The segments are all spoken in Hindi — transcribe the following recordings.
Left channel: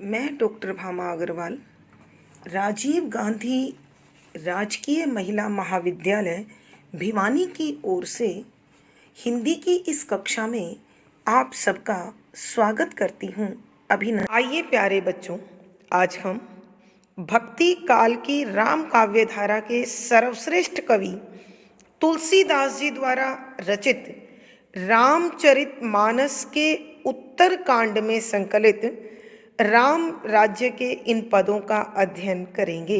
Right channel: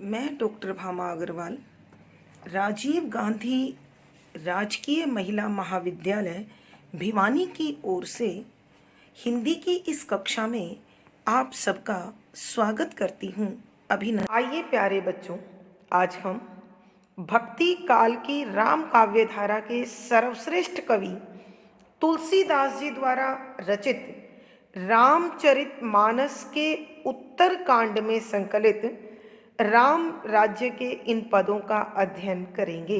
मैं डॉक्टर भामा अग्रवाल राजीव गांधी राजकीय महिला महाविद्यालय भिवानी की ओर से हिंदी की इस कक्षा में आप सबका स्वागत करती हूँ। अभिनंदन। आइए प्यारे बच्चों, आज हम भक्ति काल की राम काव्य धारा के सर्वश्रेष्ठ कवि तुलसीदास जी द्वारा रचित रामचरितमानस के उत्तर कांड में संकलित राम राज्य के इन पदों का अध्ययन करेंगे।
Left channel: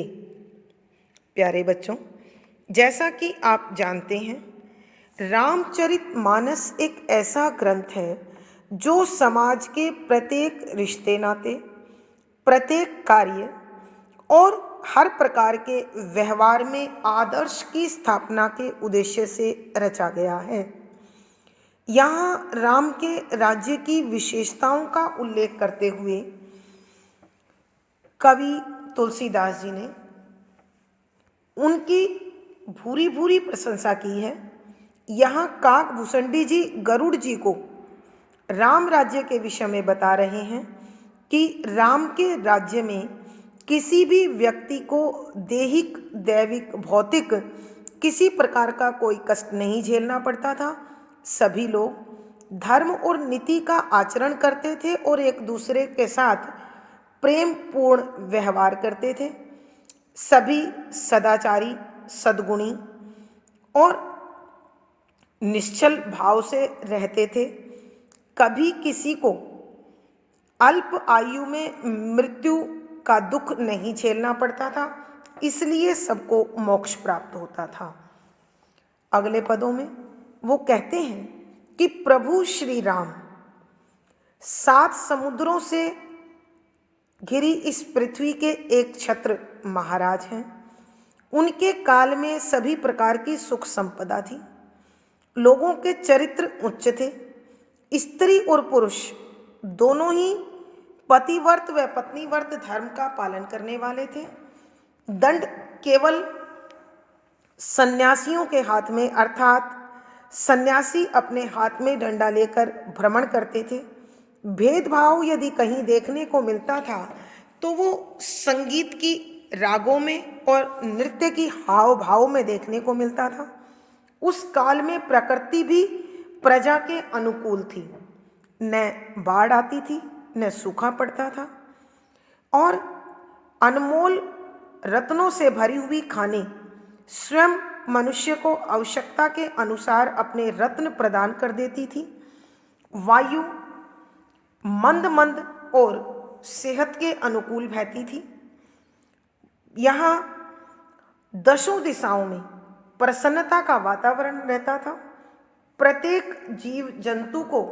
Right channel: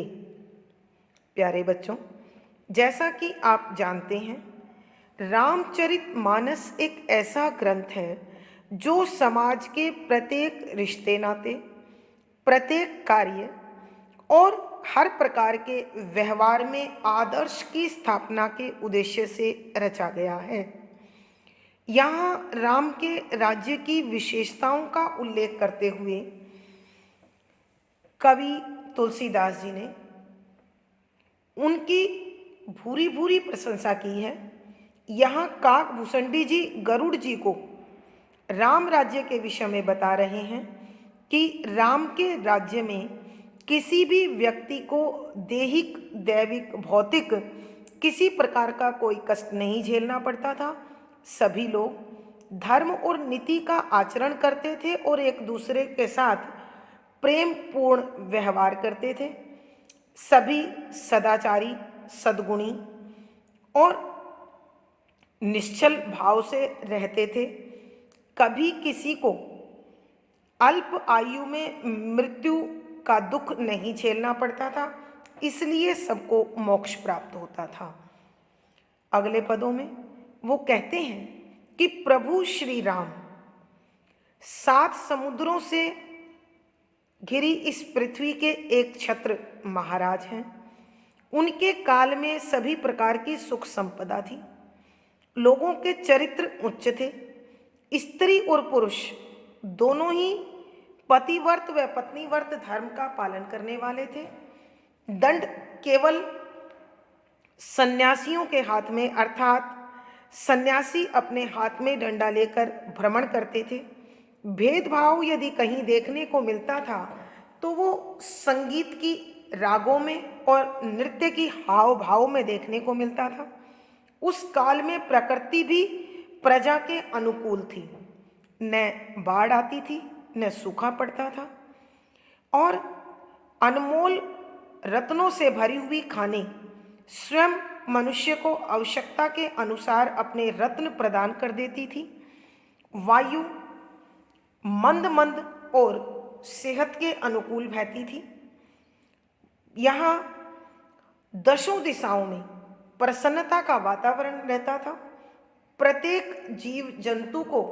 प्यारे बच्चों, जैसा कि आप जानते हैं, रामचरितमानस एक ऐसा ग्रंथ है जो समाज के प्रत्येक रिश्ते नाते, प्रत्येक कार्य और हर प्रकार के व्यवहार में आदर्श की स्थापना के उद्देश्य से रचा गया है। यहाँ राम के राज्य की विशेषताओं का उल्लेख करते हुए कवि तुलसीदास जी ने उनकी भूरी भूरी प्रशंसा की है। यहाँ काकभूषणी जी गरुड़ जी को राम राज्य के विषय में बता रहे हैं कि राम के राज्य में किसी भी व्यक्ति को दैहिक, दैविक, भौतिक किसी प्रकार का कोई कष्ट नहीं झेलना पड़ता था। सभी लोग धर्म और नीति का आचरण करते थे और एक दूसरे के साथ प्रेम पूर्ण व्यवहार करते थे। सभी सदाचारी, सद्गुणी और निश्चल भाव से रहते थे। कभी किसी को अल्प आयु में मृत्यु का दुख नहीं झेलना पड़ता था, इसलिए सबको मोक्ष प्राप्त होता था। अगले पदों में वो कहते हैं कि प्रभु श्री राम 7 समुद्रों से घिरी इस पृथ्वी के एक छत्र महाराज हैं। उनके काल में सभी प्रकार की सुख संपदा थी। लोगों के चरित्र उच्च थे। स्त्री और पुरुष दोनों ही पतिव्रत व पत्नीव्रत धर्म का पालन करने वाले थे। दंड केवल सन्यासियों के हाथ में, अर्थात सन्यासी अपने हाथ में डंडा लेकर भ्रमण करते थे। भेदभाव यदि कहीं देखने को मिलता था तो वो संगीत की रागों में और नृत्य की हाव भाव में देखने को मिलता था। उस काल में प्रकृति भी प्रजा के अनुकूल थी। न बाढ़ आती थी, न सूखा पड़ता था और अनमोल रत्नों से भरी हुई खाने स्वयं मनुष्य को आवश्यकता के अनुसार अपने रत्न प्रदान कर देती थी। वायु मंद मंद और सेहत के अनुकूल बहती थी। यहाँ दशों दिशाओं में प्रसन्नता का वातावरण रहता था। प्रत्येक जीव जंतु को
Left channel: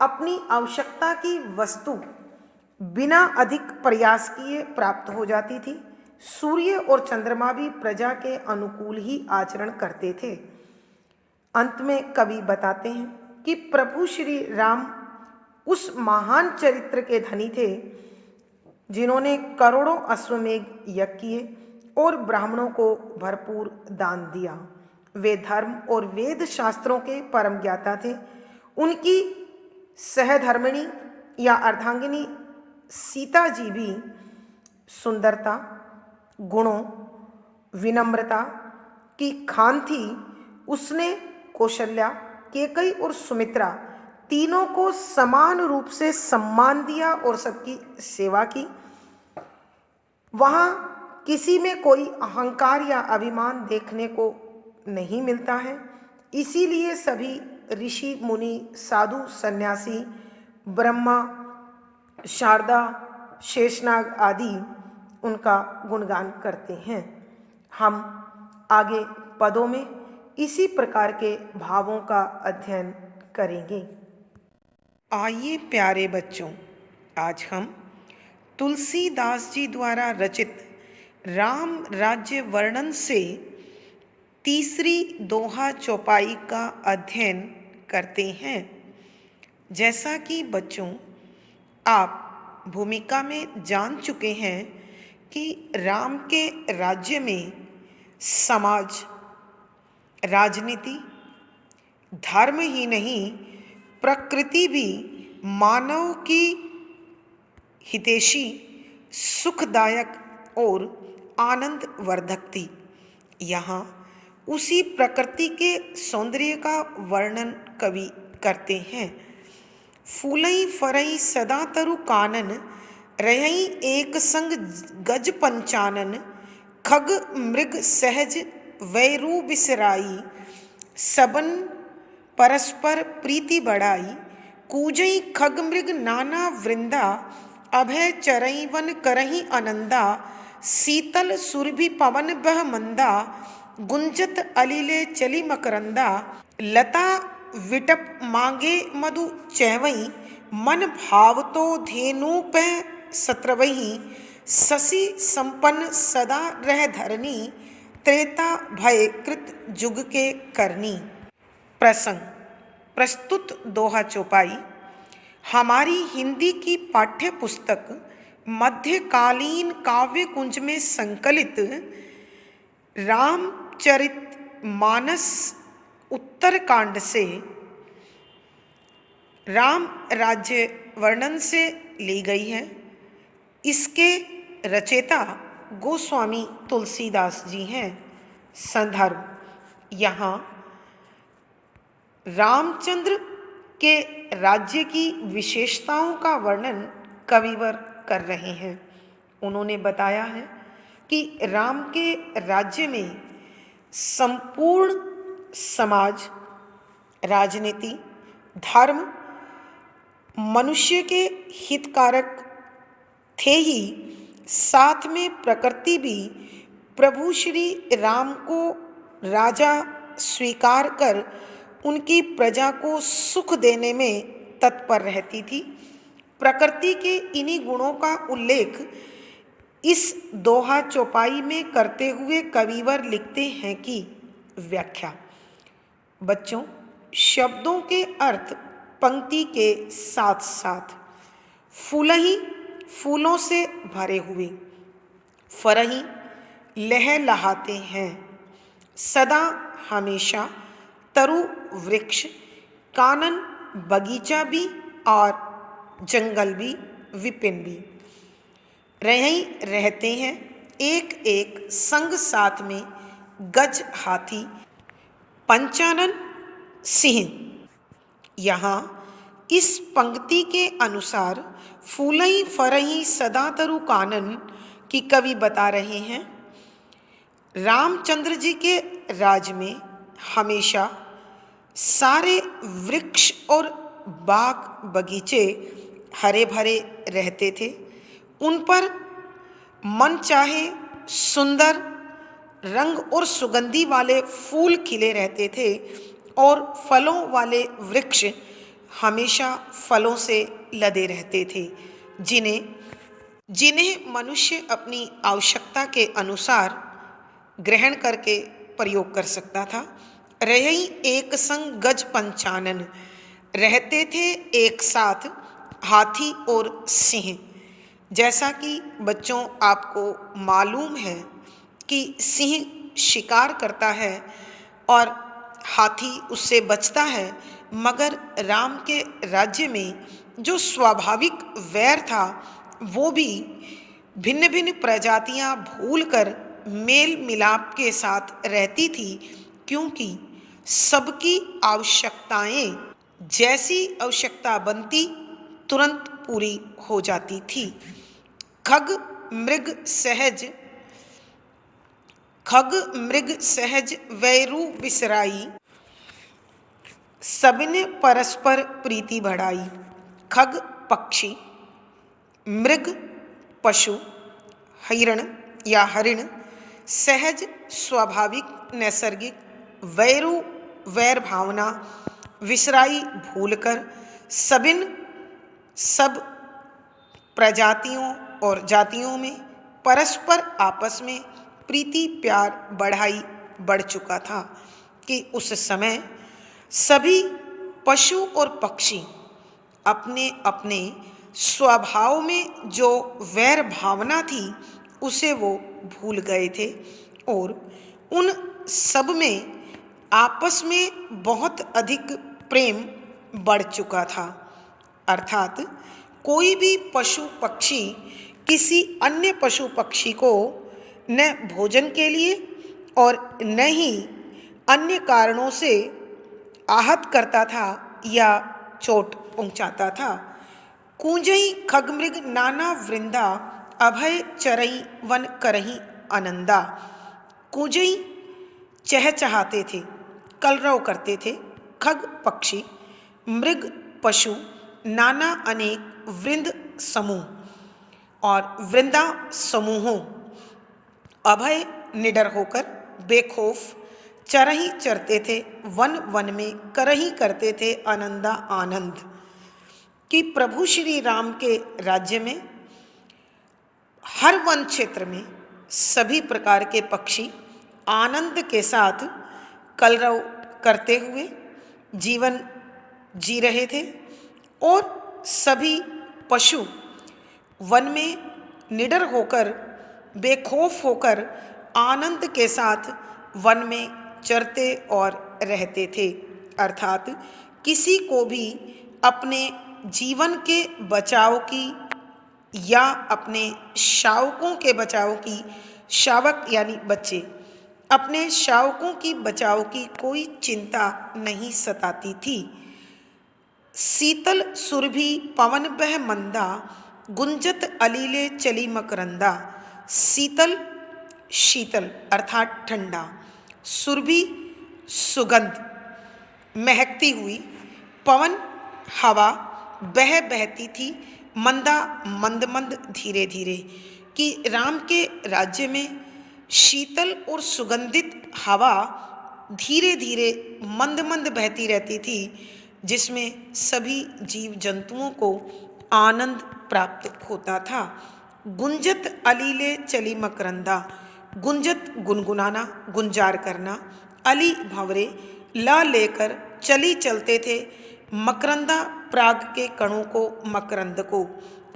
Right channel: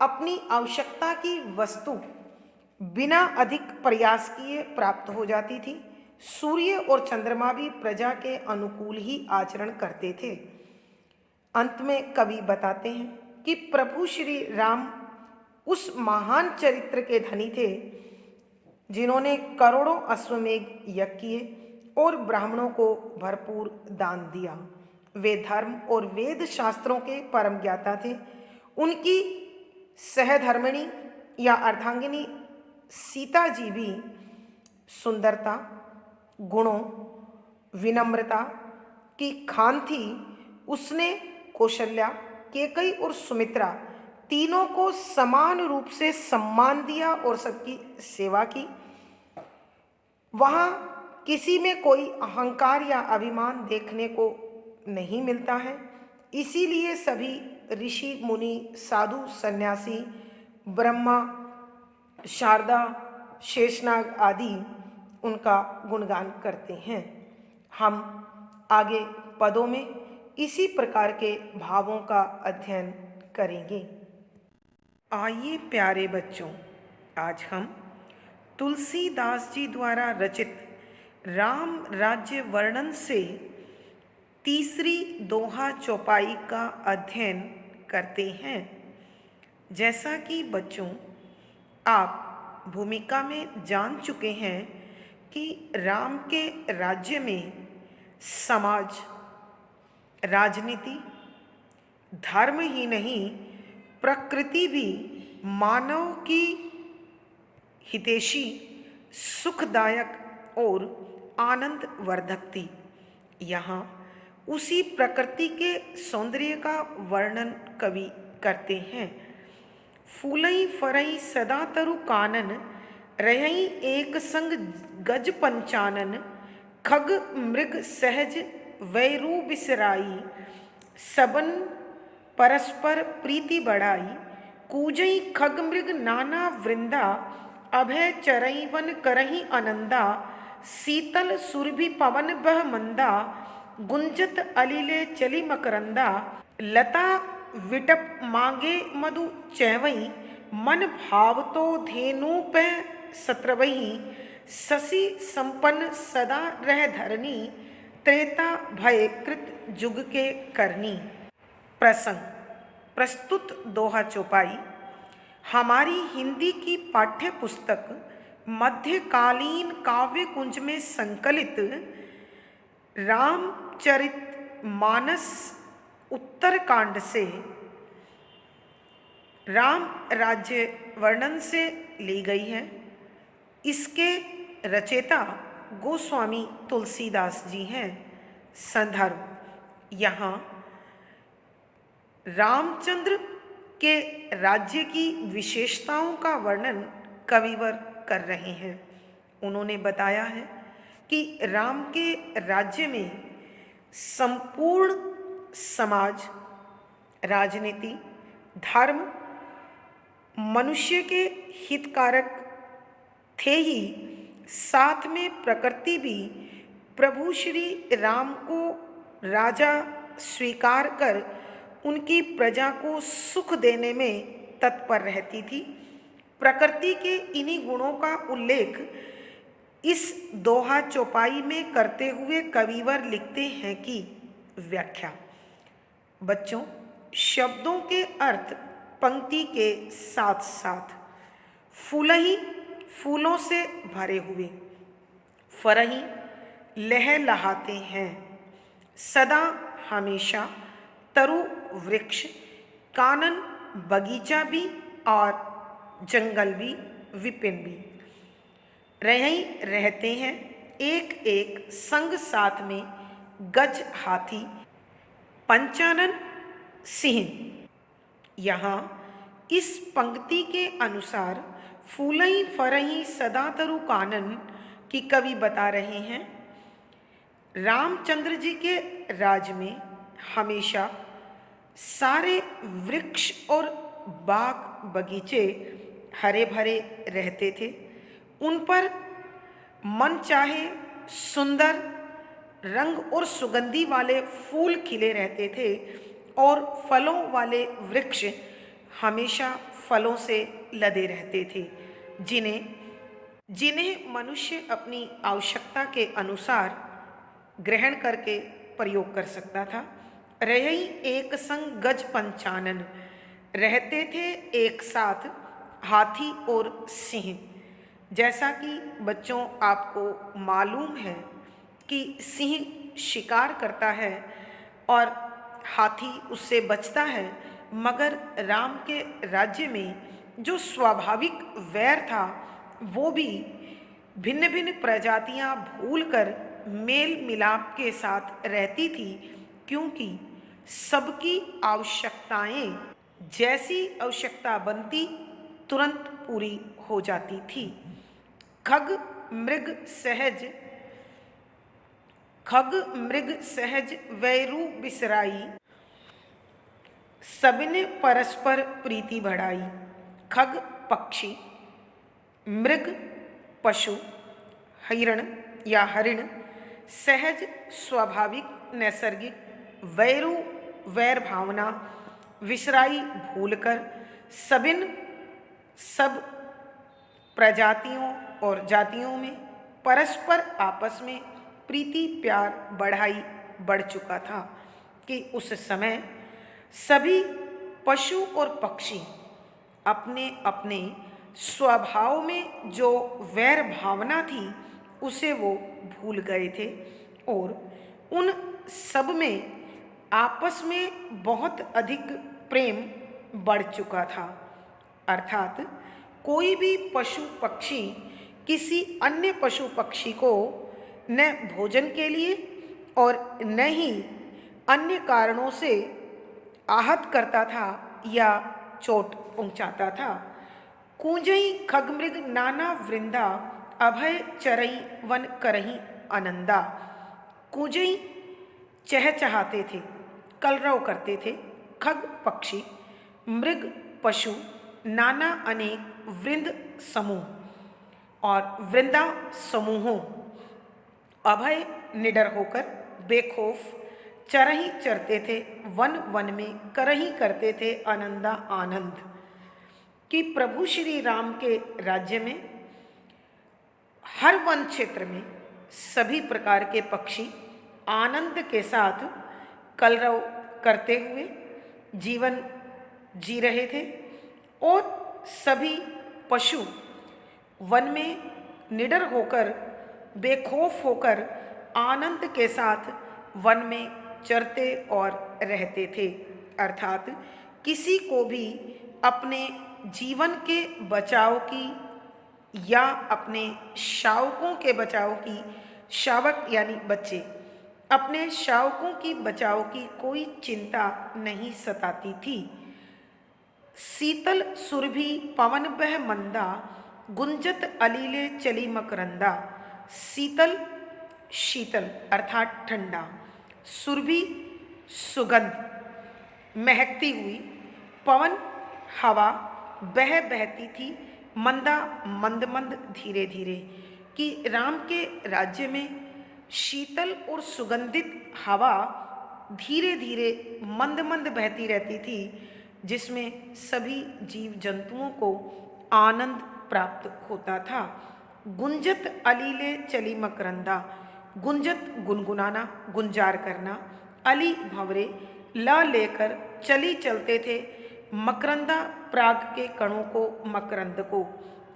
अपनी आवश्यकता की वस्तु बिना अधिक प्रयास किए प्राप्त हो जाती थी। सूर्य और चंद्रमा भी प्रजा के अनुकूल ही आचरण करते थे। अंत में कवि बताते हैं कि प्रभु श्री राम उस महान चरित्र के धनी थे जिन्होंने करोड़ों अश्वमेघ यज्ञ किए और ब्राह्मणों को भरपूर दान दिया। वे धर्म और वेद शास्त्रों के परम ज्ञाता थे। उनकी सहधर्मिणी या अर्धांगिनी सीता जी भी सुंदरता, गुणों, विनम्रता की खान थी। उसने कौशल्या, केकई और सुमित्रा तीनों को समान रूप से सम्मान दिया और सबकी सेवा की। वहाँ किसी में कोई अहंकार या अभिमान देखने को नहीं मिलता है। इसीलिए सभी ऋषि, मुनि, साधु, सन्यासी, ब्रह्मा, शारदा, शेषनाग आदि उनका गुणगान करते हैं। हम आगे पदों में इसी प्रकार के भावों का अध्ययन करेंगे। आइए प्यारे बच्चों, आज हम तुलसीदास जी द्वारा रचित राम राज्य वर्णन से तीसरी दोहा चौपाई का अध्ययन करते हैं। जैसा कि बच्चों आप भूमिका में जान चुके हैं कि राम के राज्य में समाज, राजनीति, धर्म ही नहीं प्रकृति भी मानव की हितैषी, सुखदायक और आनंद वर्धक थी। यहाँ उसी प्रकृति के सौंदर्य का वर्णन कवि करते हैं। फूलई फरई सदा तरु कानन, रहई एक संग गज पंचानन, खग मृग सहज वैरू बिसराई, सबन परस्पर प्रीति बढ़ाई, कूजई खग मृग नाना वृंदा, अभय चरई वन करही आनंदा, शीतल सुरभि पवन बह मंदा, गुंजत अलिले चली मकरंदा, लता विटप मांगे मधु चैवई, मन भावतो धेनु पे सत्रवही, शशि संपन्न सदा रह धरनी, त्रेता भय कृत जुग के करनी। प्रसंग प्रस्तुत दोहा चौपाई हमारी हिंदी की पाठ्य पुस्तक मध्यकालीन काव्य कुंज में संकलित रामचरित मानस उत्तरकांड से राम राज्य वर्णन से ली गई है। इसके रचयिता गोस्वामी तुलसीदास जी हैं। संदर्भ यहाँ रामचंद्र के राज्य की विशेषताओं का वर्णन कविवर कर रहे हैं। उन्होंने बताया है कि राम के राज्य में संपूर्ण समाज, राजनीति, धर्म, मनुष्य के हितकारक थे ही, साथ में प्रकृति भी प्रभु श्री राम को राजा स्वीकार कर उनकी प्रजा को सुख देने में तत्पर रहती थी। प्रकृति के इन्हीं गुणों का उल्लेख इस दोहा चौपाई में करते हुए कविवर लिखते हैं कि व्याख्या। बच्चों, शब्दों के अर्थ पंक्ति के साथ साथ फूलही फूलों से भरे हुए, फरही लहलहाते हैं, सदा हमेशा तरु वृक्ष, कानन बगीचा भी और जंगल भी, विपिन भी, रहई रहते हैं एक एक संग साथ में, गज हाथी, पंचानन सिंह। यहाँ इस पंक्ति के अनुसार फूलई फरही सदा तरु कानन की कवि बता रहे हैं। रामचंद्र जी के राज में हमेशा सारे वृक्ष और बाग बगीचे हरे भरे रहते थे। उन पर मन चाहे सुंदर रंग और सुगंधी वाले फूल खिले रहते थे और फलों वाले वृक्ष हमेशा फलों से लदे रहते थे, जिन्हें मनुष्य अपनी आवश्यकता के अनुसार ग्रहण करके प्रयोग कर सकता था। रहई एक संग गज पंचानन, रहते थे एक साथ हाथी और सिंह। जैसा कि बच्चों आपको मालूम है कि सिंह शिकार करता है और हाथी उससे बचता है, मगर राम के राज्य में जो स्वाभाविक वैर था वो भी भिन्न भिन्न प्रजातियां भूलकर मेल मिलाप के साथ रहती थी, क्योंकि सबकी आवश्यकताएं जैसी आवश्यकता बनती तुरंत पूरी हो जाती थी। खग मृग सहज वैरू बिसराई, सबने परस्पर प्रीति बढ़ाई। खग पक्षी, मृग पशु, हिरण या हरिण, सहज स्वाभाविक नैसर्गिक, वैरू वैर भावना, विसराई भूलकर, सब प्रजातियों और जातियों में परस्पर आपस में प्रीति प्यार बढ़ चुका था कि उस समय सभी पशु और पक्षी अपने अपने स्वभाव में जो वैर भावना थी उसे वो भूल गए थे और उन सब में आपस में बहुत अधिक प्रेम बढ़ चुका था। अर्थात कोई भी पशु पक्षी किसी अन्य पशु पक्षी को न भोजन के लिए और न ही अन्य कारणों से आहत करता था या चोट पहुंचाता था। कूजई खगमृग नाना वृंदा, अभय चरई वन करही आनंदा। कूजई चहचहाते थे, कलरव करते थे। खग पक्षी, मृग पशु, नाना अनेक, वृंद समूह और वृंदा समूहों, अभय निडर होकर, बेखौफ चरही चरते थे, वन वन में करही करते थे आनंदा आनंद। कि प्रभु श्री राम के राज्य में हर वन क्षेत्र में सभी प्रकार के पक्षी आनंद के साथ कलरव करते हुए जीवन जी रहे थे और सभी पशु वन में निडर होकर, बेखौफ होकर आनंद के साथ वन में चरते और रहते थे। अर्थात किसी को भी अपने जीवन के बचाव की या अपने शावकों के बचाव की, शावक यानी बच्चे, अपने शावकों की बचाव की कोई चिंता नहीं सताती थी। शीतल सुरभि पवन बह मंदा, गुंजत अलीले चली मकरंदा। शीतल, शीतल अर्थात ठंडा, सुरभि सुगंध, महकती हुई, पवन हवा बहती थी, मंदा मंद मंद धीरे धीरे। कि राम के राज्य में शीतल और सुगंधित हवा धीरे धीरे मंद मंद बहती रहती थी, जिसमें सभी जीव जंतुओं को आनंद प्राप्त होता था। गुंजत अलीले चली मकरंदा, गुंजत गुनगुनाना, गुंजार करना, अली भंवरे, ला लेकर चली चलते थे, मकरंदा प्राग के कणों को, मकरंद को।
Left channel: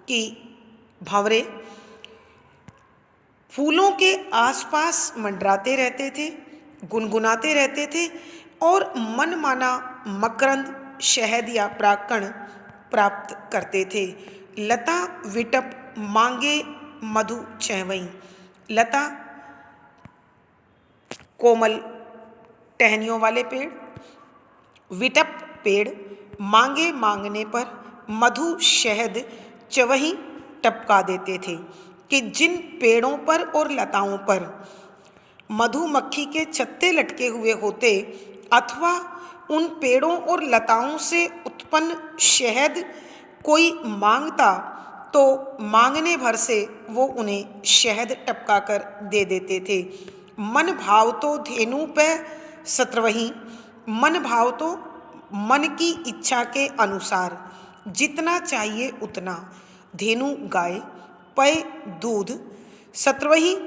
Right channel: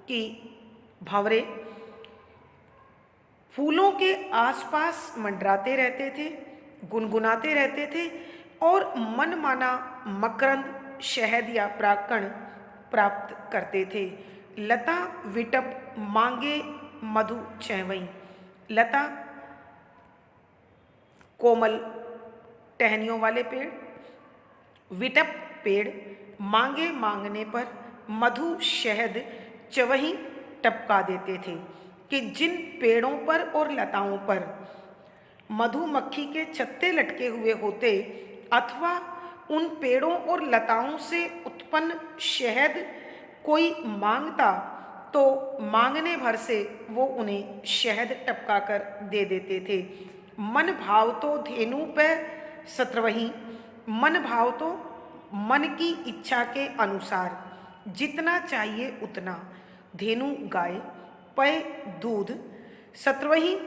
कि भंवरे फूलों के आसपास मंडराते रहते थे, गुनगुनाते रहते थे और मनमाना मकरंद, शहद या प्राकण प्राप्त करते थे। लता विटप मांगे मधु चहवई। लता कोमल टहनियों वाले पेड़, विटप पेड़, मांगे मांगने पर, मधु शहद चवही टपका देते थे। कि जिन पेड़ों पर और लताओं पर मधुमक्खी के छत्ते लटके हुए होते अथवा उन पेड़ों और लताओं से उत्पन्न शहद कोई मांगता तो मांगने भर से वो उन्हें शहद टपका कर दे देते थे। मन भाव तो धेनु पे सत्रवही, मन भाव तो मन की इच्छा के अनुसार जितना चाहिए उतना, धेनु गाय, पय दूध, सत्रवही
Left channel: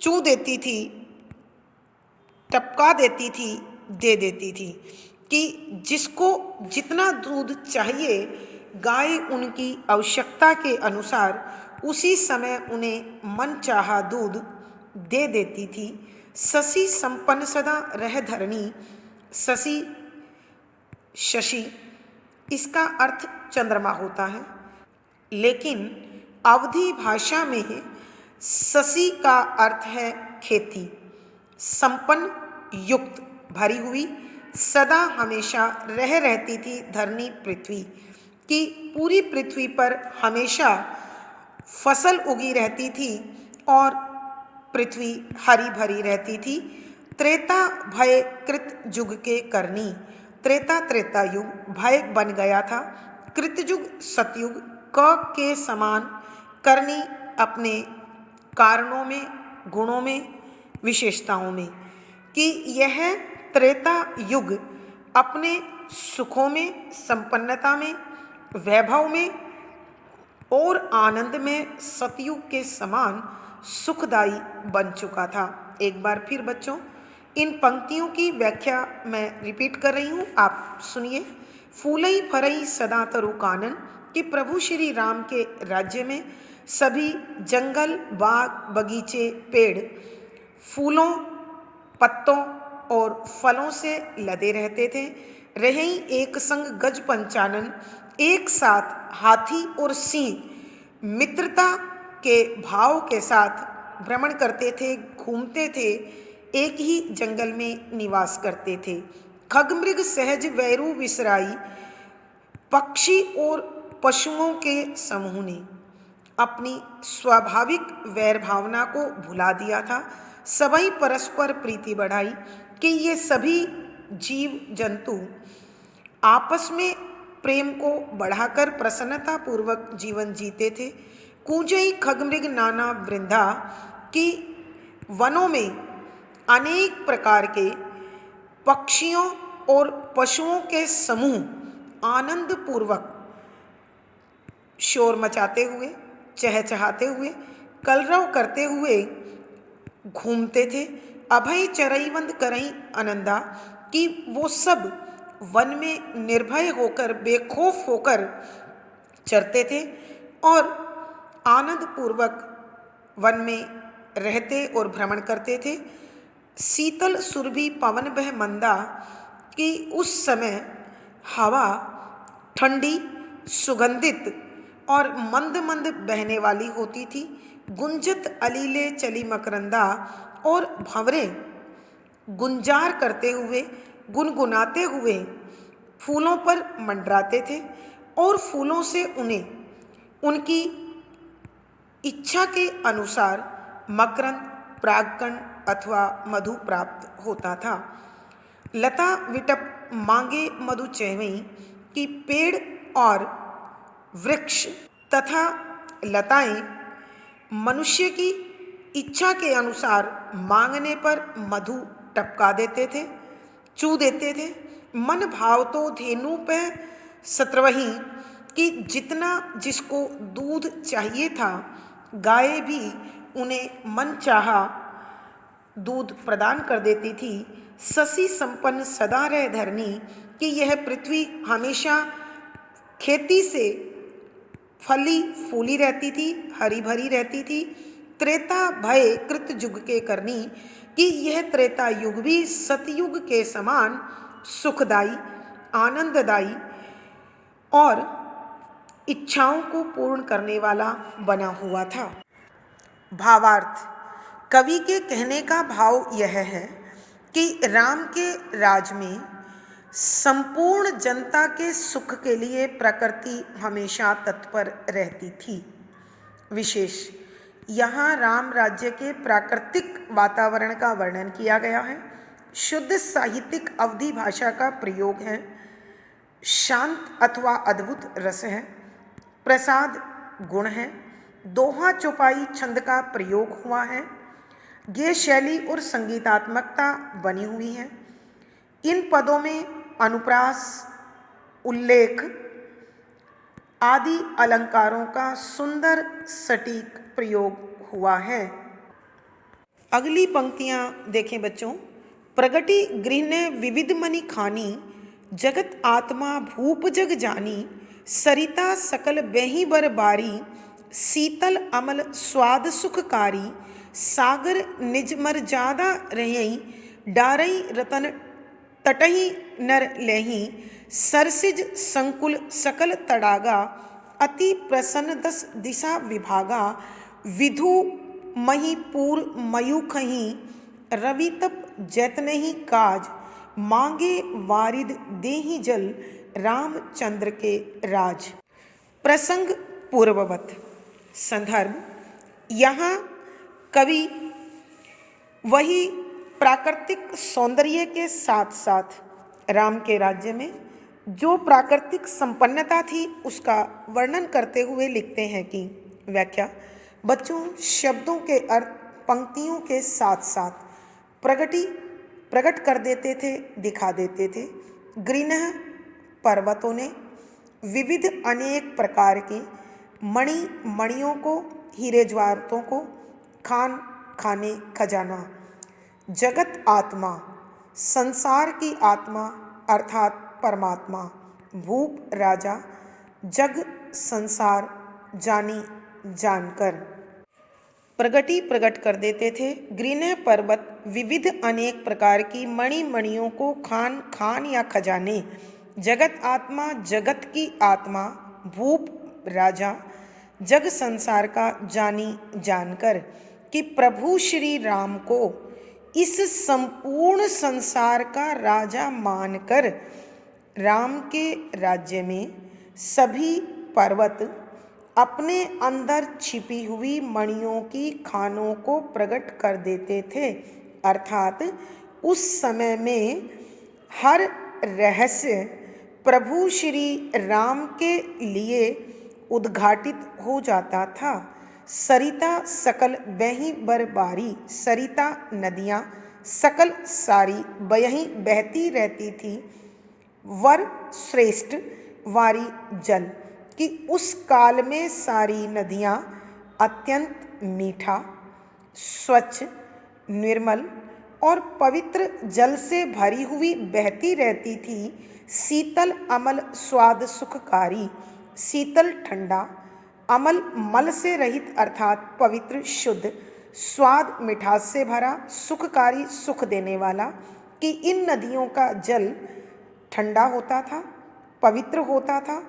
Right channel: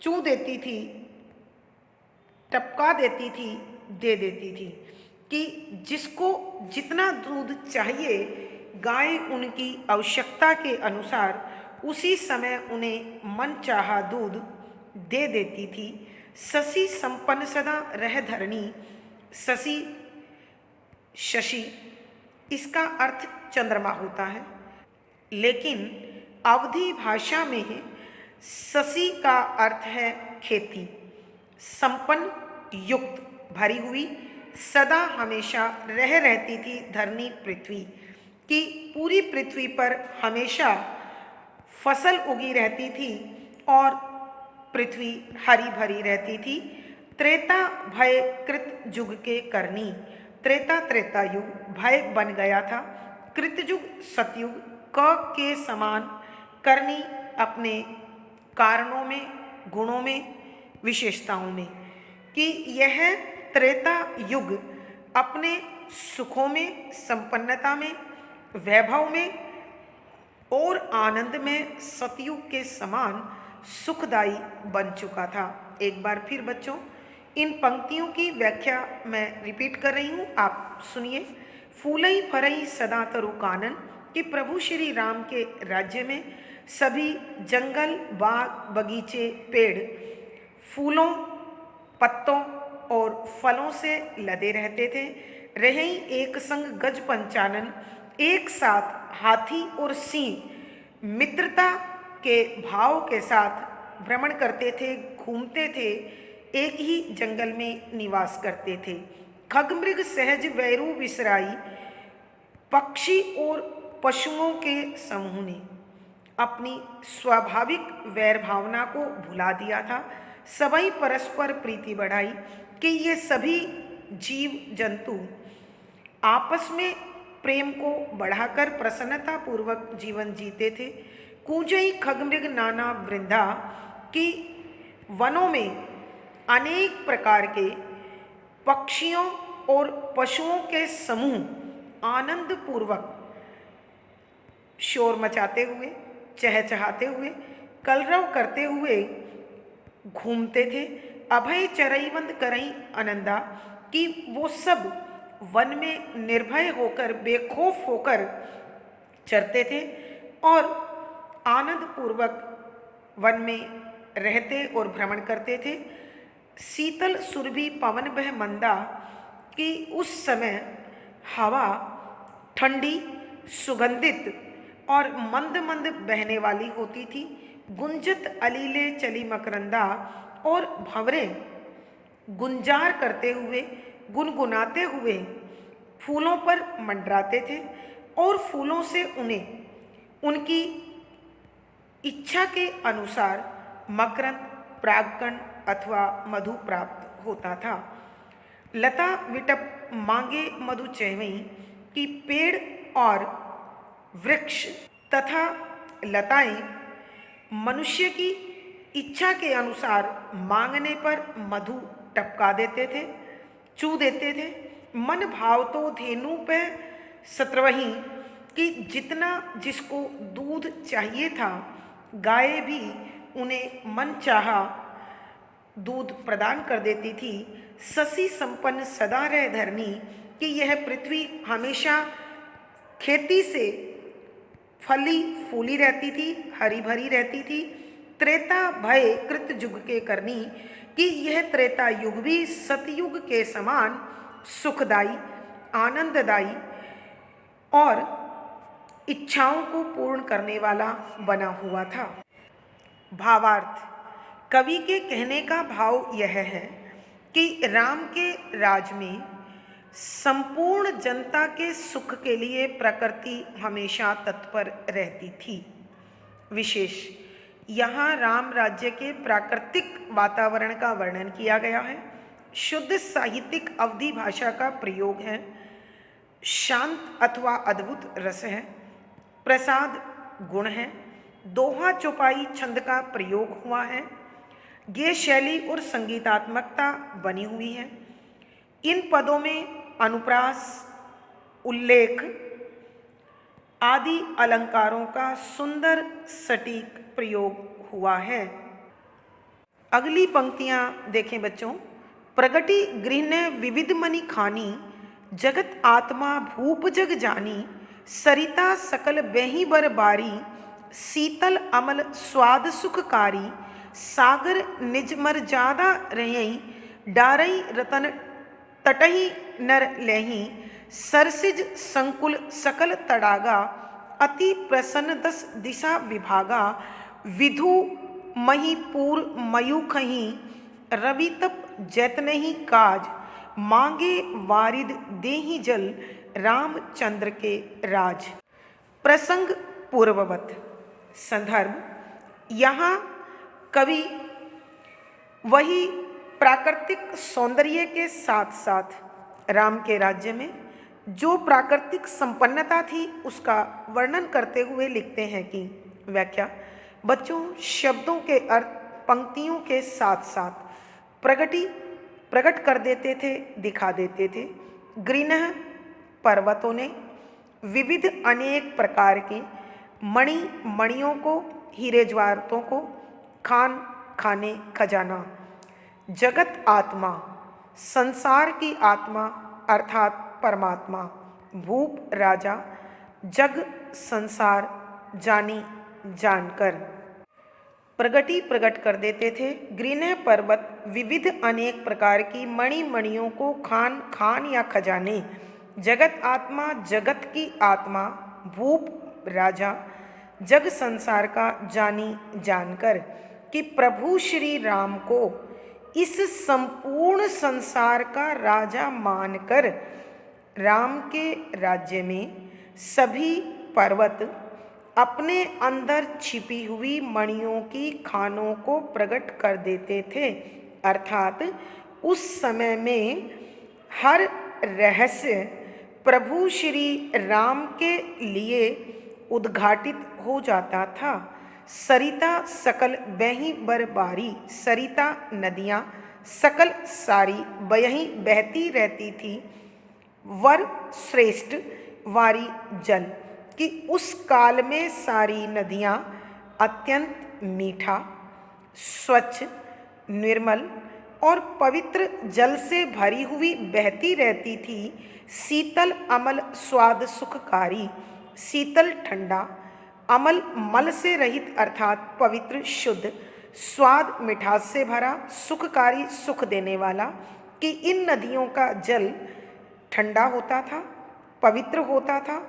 चू देती थी, टपका देती थी, दे देती थी। कि जिसको जितना दूध चाहिए गाय उनकी आवश्यकता के अनुसार उसी समय उन्हें मनचाहा दूध दे देती थी। शशि संपन्न सदा रह धरणी, शशि शशि इसका अर्थ चंद्रमा होता है, लेकिन अवधी भाषा में शशि का अर्थ है खेती। संपन्न युक्त, भरी हुई, सदा हमेशा रह रहती थी धरणी पृथ्वी। कि पूरी पृथ्वी पर हमेशा फसल उगी रहती थी और पृथ्वी हरी भरी रहती थी। त्रेता भय कृत युग के करनी, त्रेता त्रेता युग भय बन गया था, कृतयुग सतयुग क के समान, करनी अपने कारणों में, गुणों में, विशेषताओं में। कि यह त्रेता युग अपने सुखों में, संपन्नता में, वैभव में और आनंद में सतयुग के समान सुखदायी बन चुका था। एक बार फिर बच्चों इन पंक्तियों की व्याख्या मैं रिपीट कर रही हूँ, आप सुनिए। फूलई फरई सदा तरु कानन, कि प्रभु श्री राम के राज्य में सभी जंगल, बाग, बगीचे, पेड़ फूलों, पत्तों और फलों से लदे रहते थे। रही एक संग गज पंचानन, एक साथ हाथी और सिंह मित्रता के भाव के साथ भ्रमण करते थे, घूमते थे, एक ही जंगल में निवास करते थे। खगमृग सहज वैरू विसराई, पक्षी और पशुओं के समूह ने अपनी स्वाभाविक वैर भावना को भुला दिया था। सभी परस्पर प्रीति बढ़ाई कि ये सभी जीव जंतु आपस में प्रेम को बढ़ाकर प्रसन्नता पूर्वक जीवन जीते थे। कूजई खगमृग नाना वृंदा की वनों में अनेक प्रकार के पक्षियों और पशुओं के समूह आनंद पूर्वक शोर मचाते हुए, चहचहाते हुए, कलरव करते हुए घूमते थे। अभय चरईवंद करई आनंदा कि वो सब वन में निर्भय होकर, बेखौफ होकर चरते थे और आनंद पूर्वक वन में रहते और भ्रमण करते थे। शीतल सुरभि पवन बह मंदा कि उस समय हवा ठंडी, सुगंधित और मंद मंद बहने वाली होती थी। गुंजत अलीले चली मकरंदा और भंवरे गुंजार करते हुए, गुनगुनाते हुए फूलों पर मंडराते थे और फूलों से उन्हें उनकी इच्छा के अनुसार मकरंद, परागकण अथवा मधु प्राप्त होता था। लता विटप मांगे मधु चैवई कि पेड़ और वृक्ष तथा लताएं मनुष्य की इच्छा के अनुसार मांगने पर मधु टपका देते थे, चू देते थे। मन भाव तो धेनु पे सत्रवही कि जितना जिसको दूध चाहिए था, गाय भी उन्हें मन चाहा दूध प्रदान कर देती थी। शशि संपन्न सदा रह धरनी कि यह पृथ्वी हमेशा खेती से फली फूली रहती थी, हरी भरी रहती थी। त्रेता भय कृत युग के करनी कि यह त्रेता युग भी सतयुग के समान सुखदाई, आनंददायी और इच्छाओं को पूर्ण करने वाला बना हुआ था। भावार्थ: कवि के कहने का भाव यह है कि राम के राज में संपूर्ण जनता के सुख के लिए प्रकृति हमेशा तत्पर रहती थी। विशेष यहाँ राम राज्य के प्राकृतिक वातावरण का वर्णन किया गया है। शुद्ध साहित्यिक अवधि भाषा का प्रयोग है। शांत अथवा अद्भुत रस है। प्रसाद गुण है। दोहा चौपाई छंद का प्रयोग हुआ है। ये शैली और संगीतात्मकता बनी हुई है। इन पदों में अनुप्रास, उल्लेख आदि अलंकारों का सुंदर सटीक प्रयोग हुआ है। अगली पंक्तियां देखें बच्चों। प्रगति गृह विविध मनि खानी, जगत आत्मा भूप जग जानी, सरिता सकल बेही बर बारी, शीतल अमल स्वाद सुखकारी, सागर निज मर जादा रहई, डारई रतन तटही नर लेही, सरसिज संकुल सकल तड़ागा, अति प्रसन्न दस दिशा विभागा, विधु महीपुर मयूखही, रवि तप जैतनहि काज, मांगे वारिद देहि जल, रामचंद्र के राज। प्रसंग पूर्ववत। संदर्भ: यहाँ कवि वही प्राकृतिक सौंदर्य के साथ साथ राम के राज्य में जो प्राकृतिक संपन्नता थी उसका वर्णन करते हुए लिखते हैं कि व्याख्या: बच्चों, शब्दों के अर्थ पंक्तियों के साथ साथ प्रकट कर देते थे, दिखा देते थे। गृह पर्वतों ने विविध अनेक प्रकार के मणियों को, हीरे जवाहरातों को, खाने खजाना, जगत आत्मा, संसार की आत्मा अर्थात परमात्मा, भूप राजा, जग संसार जानी जानकर प्रकट कर देते थे। गृह पर्वत विविध अनेक प्रकार की मणियों को, खान या खजाने जगत आत्मा, जगत की आत्मा, भूप राजा, जग संसार का जानी जानकर कि प्रभु श्री राम को इस संपूर्ण संसार का राजा मानकर राम के राज्य में सभी पर्वत अपने अंदर छिपी हुई मणियों की खानों को प्रकट कर देते थे। अर्थात उस समय में हर रहस्य प्रभु श्री राम के लिए उद्घाटित हो जाता था। सरिता सकल बही बरबारी, सरिता नदियाँ सकल सारी बयहीं बहती रहती थी। वर श्रेष्ठ वारी जल कि उस काल में सारी नदियाँ अत्यंत मीठा, स्वच्छ, निर्मल और पवित्र जल से भरी हुई बहती रहती थी। शीतल अमल स्वाद सुखकारी, शीतल ठंडा, अमल मल से रहित अर्थात पवित्र शुद्ध, स्वाद मिठास से भरा, सुखकारी सुख देने वाला कि इन नदियों का जल ठंडा होता था, पवित्र होता था,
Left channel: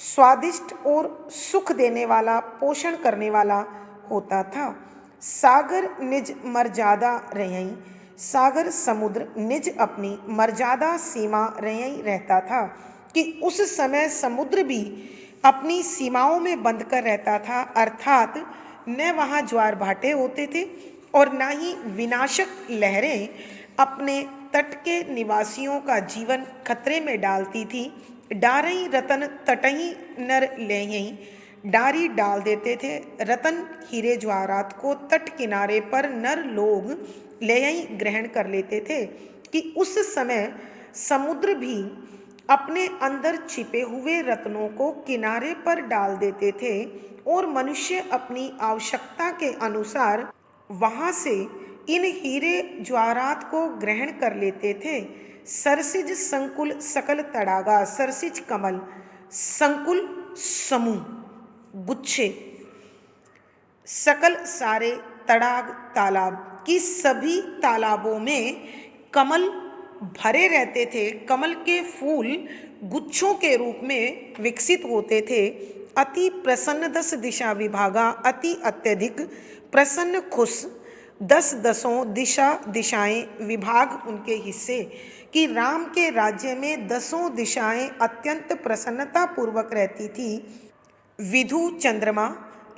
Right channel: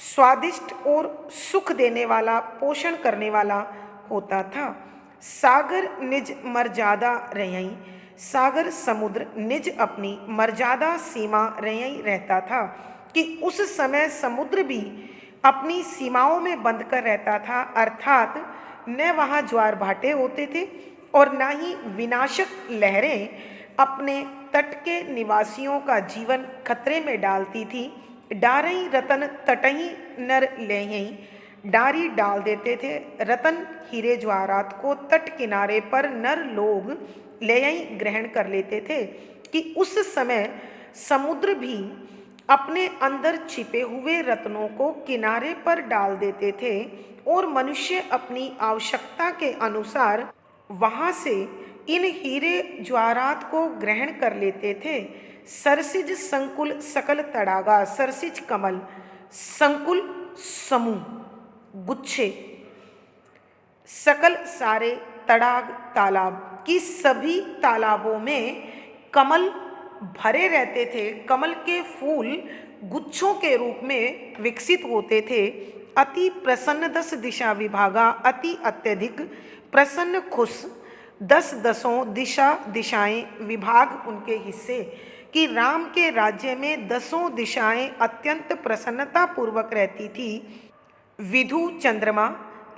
स्वादिष्ट और सुख देने वाला, पोषण करने वाला होता था। सागर निज मर्यादा रही, सागर समुद्र निज अपनी मर्यादा सीमा रही रहता था कि उस समय समुद्र भी अपनी सीमाओं में बंद कर रहता था। अर्थात न वहाँ ज्वार भाटे होते थे और न ही विनाशक लहरें अपने तट के निवासियों का जीवन खतरे में डालती थी। डारई रतन तटही नर लेही, डारी डाल देते थे रतन हीरे ज्वारात को तट किनारे पर नर लोग लेयई ग्रहण कर लेते थे कि उस समय समुद्र भी अपने अंदर छिपे हुए रत्नों को किनारे पर डाल देते थे और मनुष्य अपनी आवश्यकता के अनुसार वहाँ से इन हीरे ज्वारात को ग्रहण कर लेते थे। सरसिज संकुल सकल तड़ागा, सरसिज कमल, संकुल समूह, गुच्छे, सकल सारे तड़ाग तालाब की सभी तालाबों में कमल भरे रहते थे। कमल के फूल गुच्छों के रूप में विकसित होते थे। अति प्रसन्न 10 दिशा विभागा, अति अत्यधिक प्रसन्न खुश 10 दसों दिशा दिशाएं विभाग उनके हिस्से कि राम के राज्य में 10 दिशाएं अत्यंत प्रसन्नता पूर्वक रहती थी। विधु चंद्रमा,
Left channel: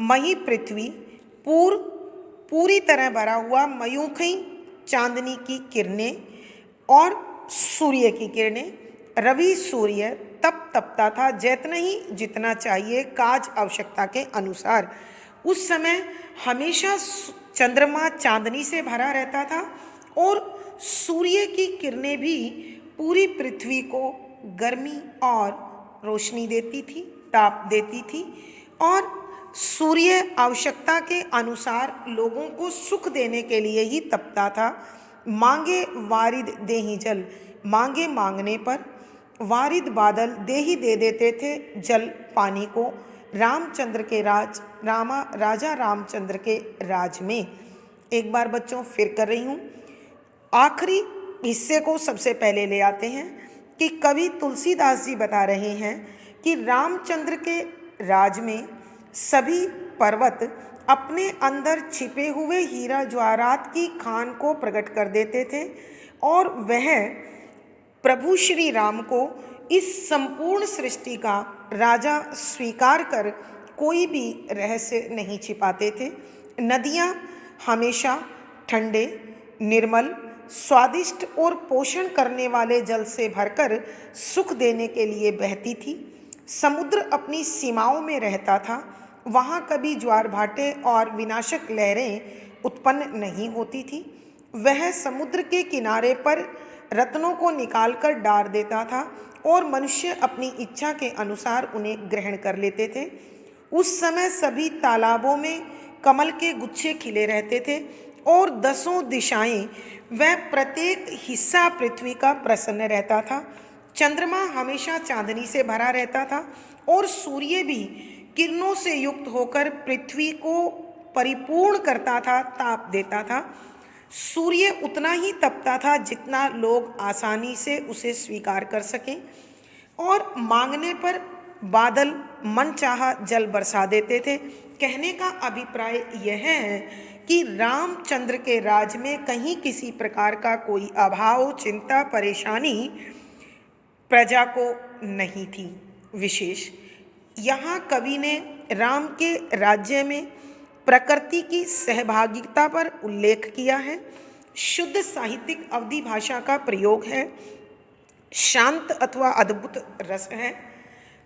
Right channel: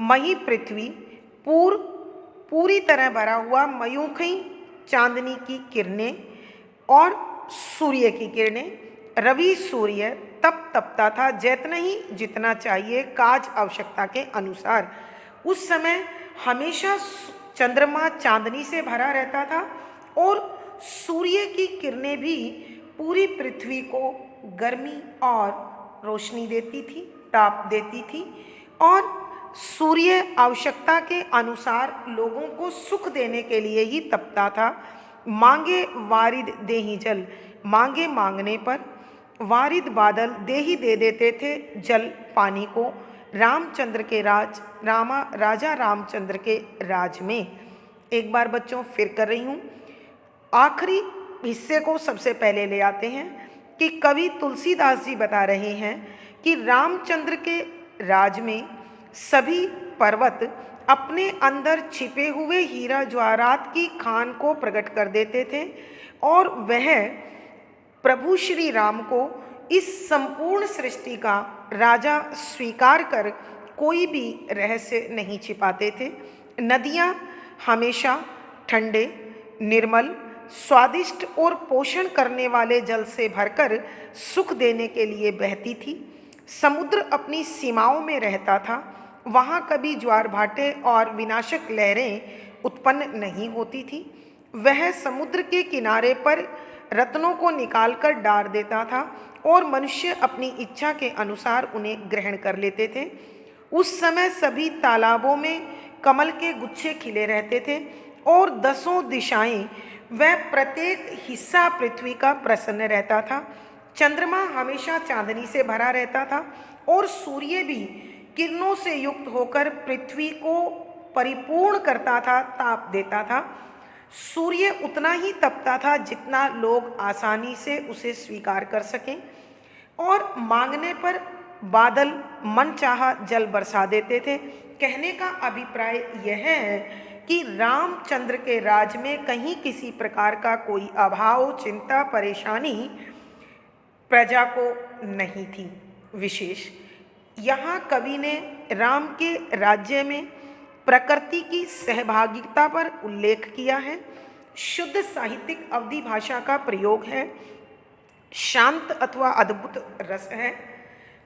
मही पृथ्वी, पूरी तरह भरा हुआ, मयूखी चांदनी की किरणें और सूर्य की किरणें, रवि सूर्य तप तपता था जितना ही जितना चाहिए काज आवश्यकता के अनुसार। उस समय हमेशा चंद्रमा चांदनी से भरा रहता था और सूर्य की किरणें भी पूरी पृथ्वी को गर्मी और रोशनी देती थी, ताप देती थी और सूर्य आवश्यकता के अनुसार लोगों को सुख देने के लिए ही तपता था। मांगे वारिद देही जल, मांगे मांगने पर वारिद बादल दे ही दे देते थे जल पानी को रामचंद्र के राजा रामचंद्र के राज में। एक बार बच्चों फिर कर रही हूँ, आखिरी हिस्से को सबसे पहले ले आते हैं कि कवि तुलसीदास जी बता रहे हैं कि रामचंद्र के राज में सभी पर्वत अपने अंदर छिपे हुए हीरा ज्वारात की खान को प्रकट कर देते थे और वह प्रभु श्री राम को इस संपूर्ण सृष्टि का राजा स्वीकार कर कोई भी रहस्य नहीं छिपाते थे। नदियाँ हमेशा ठंडे, निर्मल, स्वादिष्ट और पोषण करने वाले जल से भरकर सुख देने के लिए बहती थी। समुद्र अपनी सीमाओं में रहता था, वहाँ कभी ज्वार भाटे और विनाशक लहरें उत्पन्न नहीं होती थी। वह समुद्र के किनारे पर रत्नों को निकालकर डाल देता था और मनुष्य अपनी इच्छा के अनुसार उन्हें ग्रहण कर लेते थे। उस समय सभी तालाबों में कमल के गुच्छे खिले रहते थे और 10 दिशाएं वह प्रत्येक हिस्सा पृथ्वी का प्रसन्न रहता था। चंद्रमा हमेशा चांदनी से भरा रहता था और सूर्य भी किरणों से युक्त होकर पृथ्वी को परिपूर्ण करता था, ताप देता था। सूर्य उतना ही तपता था जितना लोग आसानी से उसे स्वीकार कर सकें। और मांगने पर बादल मनचाहा जल बरसा देते थे। कहने का अभिप्राय यह है कि रामचंद्र के राज में कहीं किसी प्रकार का कोई अभाव, चिंता, परेशानी प्रजा को नहीं थी। विशेष यहाँ कवि ने राम के राज्य में प्रकृति की सहभागिता पर उल्लेख किया है। शुद्ध साहित्यिक अवधि भाषा का प्रयोग है। शांत अथवा अद्भुत रस है।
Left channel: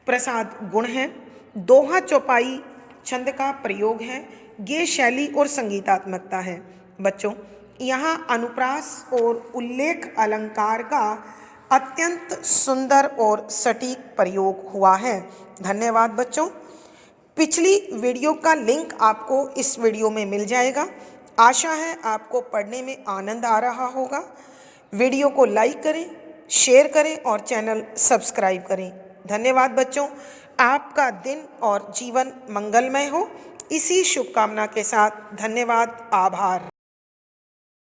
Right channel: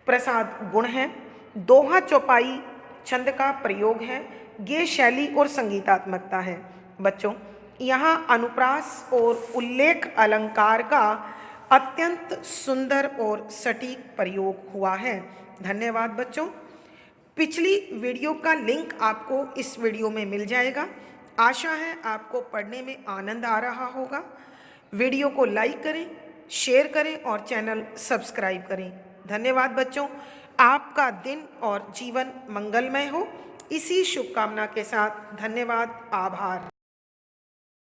प्रसाद गुण है। दोहा चौपाई छंद का प्रयोग है। गेय शैली और संगीतात्मकता है। बच्चों, यहाँ अनुप्रास और उल्लेख अलंकार का अत्यंत सुंदर और सटीक प्रयोग हुआ है। धन्यवाद बच्चों। पिछली वीडियो का लिंक आपको इस वीडियो में मिल जाएगा। आशा है आपको पढ़ने में आनंद आ रहा होगा। वीडियो को लाइक करें, शेयर करें और चैनल सब्सक्राइब करें। धन्यवाद बच्चों। आपका दिन और जीवन मंगलमय हो, इसी शुभकामना के साथ धन्यवाद, आभार।